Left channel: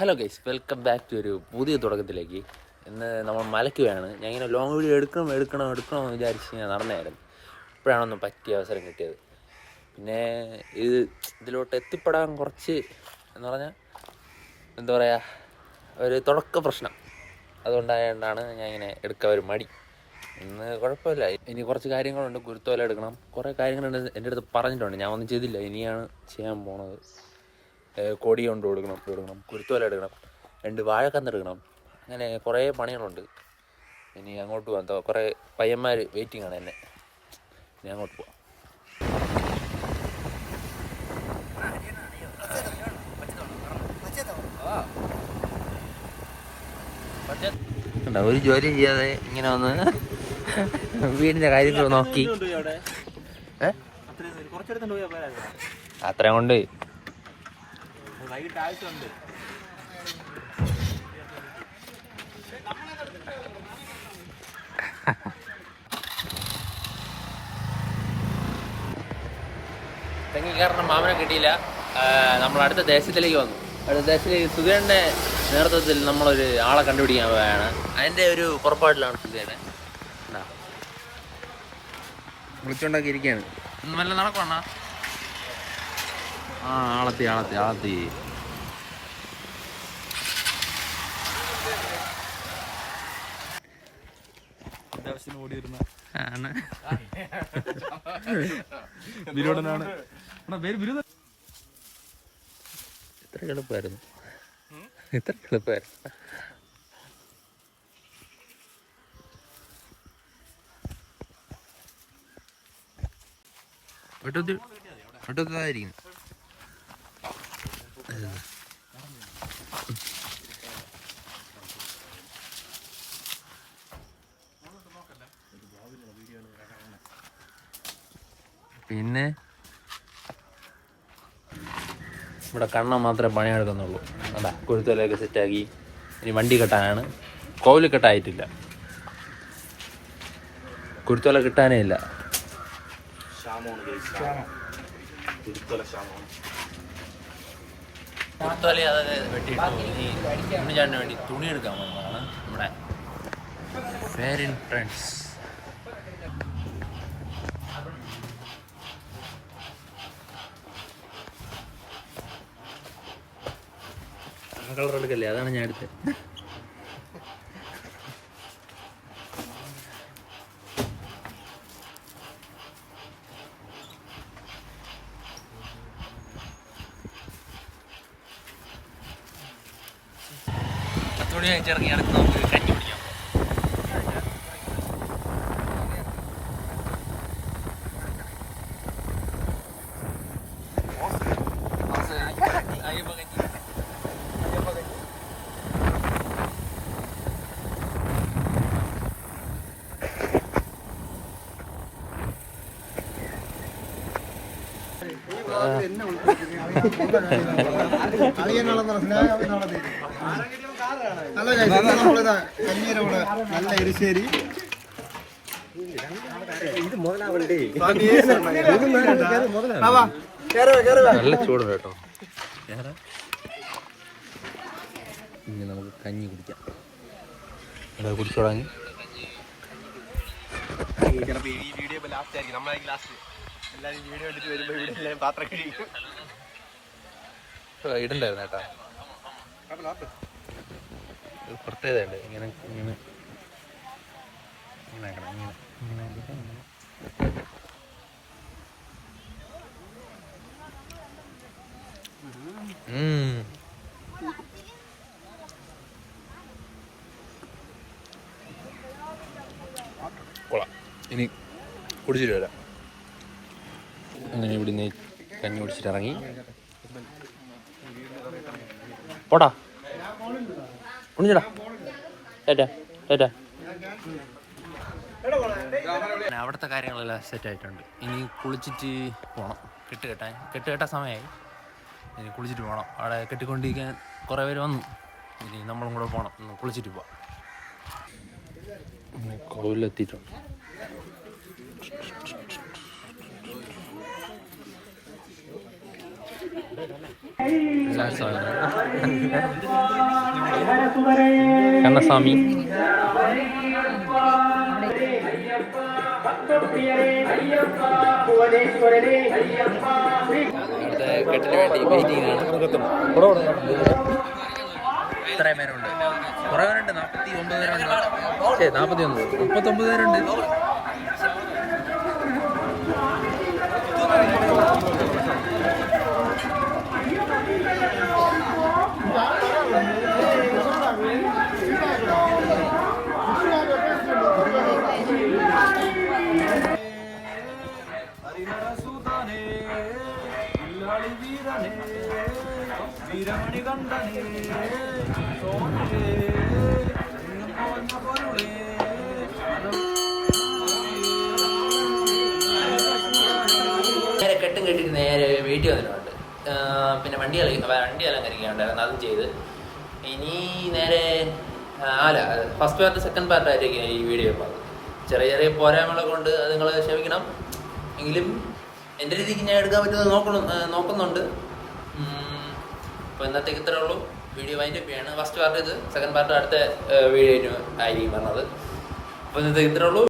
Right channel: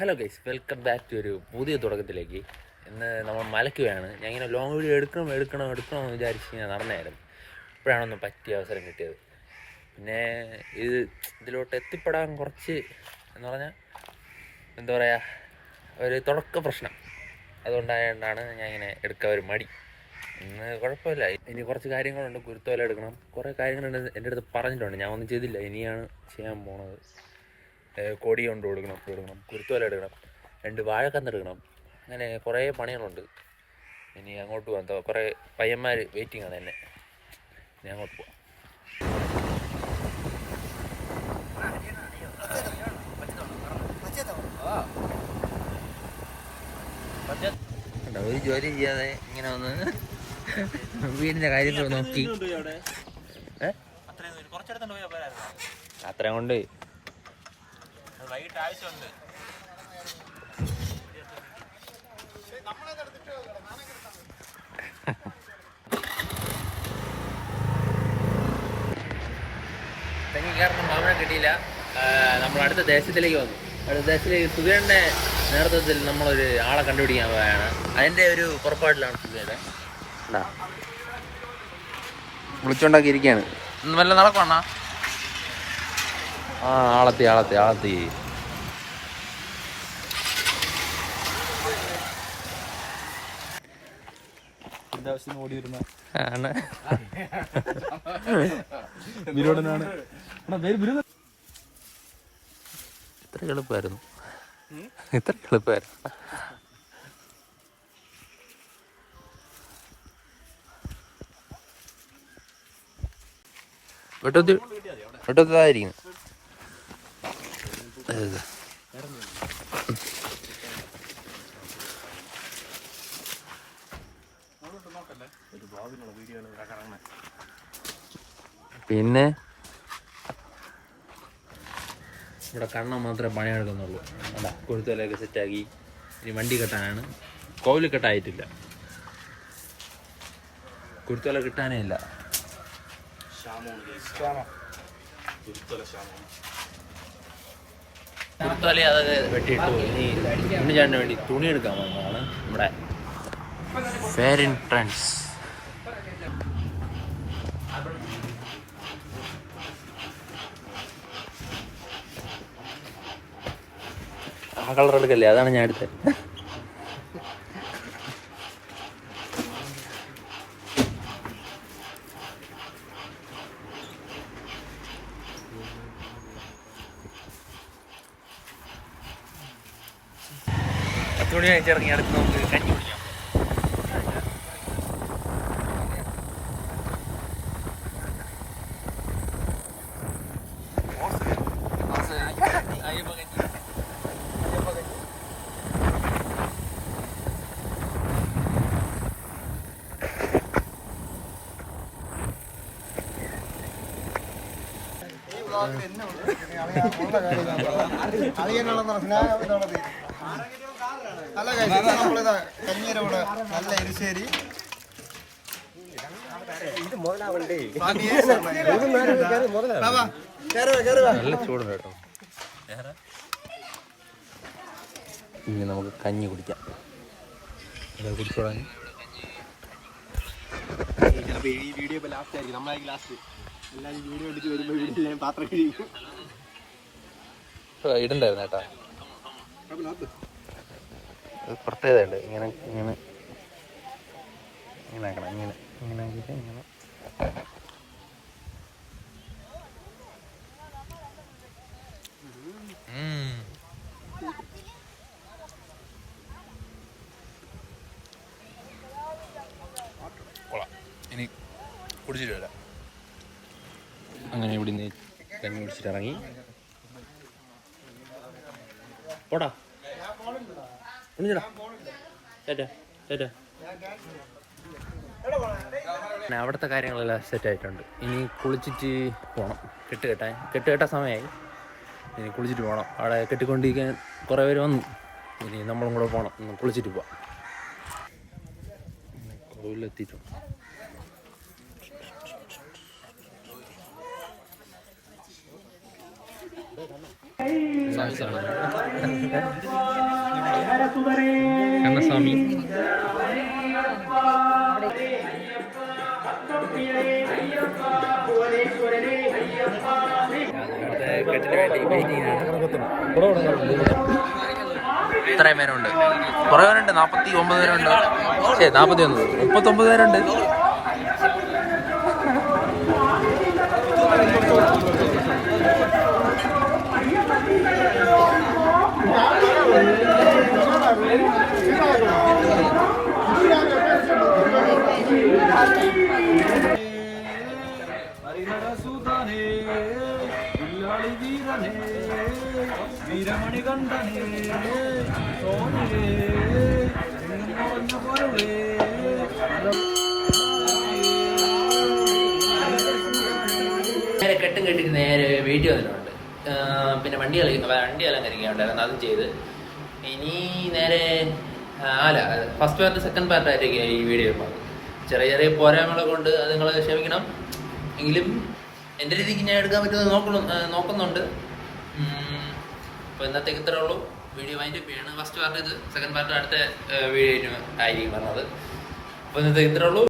Hello guys, welcome back to ഒരു പുതിയ തുടക്കത്തിലേക്ക്. ഇന്ന് നമ്മൾ മലയ്ക്കുകയാണ്. ഞാൻ ഇങ്ങനെ ലോങ് വീഡിയോ എടുക്കണമെന്ന് വിചാരിച്ച് ഞാൻ നടന്നായിരുന്നു. ഇപ്പോഴാണൊന്ന് പറ്റിയ അവസരം കിട്ടിയത്. പിന്നെ ഇതിലോട്ട് എത്തിപ്പെടാൻ കുറച്ച് എന്ന് പറഞ്ഞാൽ എന്താ പറയുക, ഒരു തുടക്ക പ്രശ്നം അതുകൊണ്ടായതുകൊണ്ടാണ് ഞാൻ ഇങ്ങനെ എടുക്കാൻ ഒരു മടി. ഇന്ന് കുഴപ്പമില്ല. ഇനി കുറച്ച് കാര്യങ്ങളുണ്ട്. കുരുത്തോല എടുക്കണം, കുറേ കാര്യങ്ങളുണ്ട്. എൻ്റെ അടുത്ത് പറഞ്ഞിട്ടുണ്ട്, ഞാൻ ഒന്നും ചെയ്തില്ല. ഇനിയാണ് ചെയ്യാൻ പോണത്. കൊടി കൊണ്ട് കൊടുക്കണം, കുരുത്തോല എടുക്കണം, 2 വാഴക്കന്നെടുക്കണം. അങ്ങനെ കുറേ പണികളുണ്ട്. ഇനി അങ്ങോട്ട് പോകാം. കുറേ പയ്യന്മാർ വെയിറ്റിംഗ് ആണ് എന്നെ. ഇനി അങ്ങോട്ട് പോവാം. ഒരു ജോലിയും ചെയ്യാതെ ഇങ്ങനെ വന്ന് വീടിൻ്റെ കാര്യത്തിൽ നോക്കി അത്രയും കൊണ്ട് വൈകിട്ട് ആവശ്യമുണ്ട്. തെങ്ങി കയറുന്ന മാമനെ കിട്ടിയില്ല. നമ്മൾ അടുത്ത ദേശത്തിലേക്ക് വന്നു. അടുത്ത ദേശത്തിലേക്ക് സുധേൻ്റെ നേതൃത്വത്തിൽ നമ്മളൊരു ആളെ കണ്ടുപിടിക്കാൻ പോവുകയാണ്. അതിൻ്റെ ഒരു പുറപ്പാടിലാണ് സുധേനെ. വിളിച്ചോണ്ടാക്കി ഇരിക്കുകയാണ്. വല്ല നടക്കണ ആളത്തി ഓടിയിരുന്ന ഇത്ര എളുപ്പമായിരുന്നു. വെട്ടത്തായിരിക്കുന്നു. പിന്നെ ഇവിടെ കണ്ണ മാത്രമേ പണിയെടുക്കുന്നുള്ളൂ. കുരുത്തോലൊക്കെ സെറ്റാക്കി ഇനി വണ്ടി കെട്ടാനാണ്. കോവില് കെട്ടായിട്ടില്ല, കുരുത്തോല കിട്ടാനേ ഇല്ല. കുരുത്തോല അതൊക്കെ വെട്ടിയിട്ട് ഉണ്ണിച്ചാണ്ടിന് വേണ്ടി തുണി എടുക്കാൻ വന്നതാണ് നമ്മുടെ ഫെയർ ഫ്രണ്ട്സ്. ആ കളർ എടുക്കല്ലേ, അതാണ് ഞാൻ എടുത്തത്. തുണി വെച്ചിറങ്ങി അടുത്ത് നമുക്ക് കഞ്ഞി കുടിക്കാം. എരിശ്ശേരി നല്ല ചൂടുണ്ട് കേട്ടോ. ഇനി നമുക്ക് കഞ്ഞി കുടിക്കാം. കുടിച്ചു തുടങ്ങി. ഇടണ്ടായിരുന്നു കേട്ടാ, പ്രത്യേകതയുണ്ട്. ഇങ്ങനെ ഇങ്ങനെ ഇങ്ങനെ ആക്കണം. ഇങ്ങനെ ഇങ്ങനെ കൊള്ളാം. ഇനി കുടിച്ചിട്ട് വരാം. അങ്ങനെ ഇവിടുന്ന് കഞ്ഞി കുടിച്ചിട്ട് ഇറങ്ങി. പോടാ കുടിച്ചടാ ഏറ്റാ. അവിടുത്തെ കാര്യങ്ങളെല്ലാം സെറ്റായിട്ടുണ്ട്. ഇനി കുളിച്ചിട്ട് പോകണം. കെട്ടുകെട്ടാൻ സമയമായി. ഇനി കുളിച്ചിട്ട് പോകണം. അവിടെ കെട്ടിക്കൊണ്ടിരിക്കാൻ കുറേ പേര് വന്നു. ഇനി നമ്മളും കൂടെ പോകണം. ഒന്ന് കുളിച്ചിട്ട് പോവാം. കോവിലെത്തിയിട്ടുണ്ട്. കണ്ണസ്വാമി ഇത്രയും പേരുണ്ട്, കുറേ പേരുണ്ട്, 49 പേരുണ്ട്, 39 പേരുണ്ട്. നേരെ കെട്ടും കെട്ടിട്ട് നേരെ വീട്ടിൽ വന്നിട്ടുണ്ട്. പിന്നെ വണ്ടി കളിക്കുന്നുണ്ടായിരുന്നു, അതും ചെയ്ത് ഇനി നേരെ ഫസ്റ്റ് പാർട്ട് സെക്കൻഡ് പാർട്ടായിട്ടേക്ക് ഈ വീഡിയോ ചെറിയ ചെറിയ പോരായ്മകളെ കൊണ്ട് അത് നിങ്ങൾ ക്ഷമിക്കണം. എങ്കിലും എൻ്റെ രീതിക്ക് ഞാൻ എടുക്കാൻ പറ്റുന്നത് നോക്കുന്നുണ്ട്. അപ്പോൾ ഇന്നത്തേക്ക് ഇത്രേ ഉള്ളൂ. വീഡിയോ വൈൻഡപ്പ് ചെയ്യാണ്. ഫസ്റ്റ് പാർട്ട് ഇത്, സെക്കൻഡ് പാർട്ട് അടുത്ത വീഡിയോ ആയിരിക്കും പറഞ്ഞത്. അപ്പോൾ ഇന്നത്തേക്ക് ഇത്രേ ഉള്ളൂ.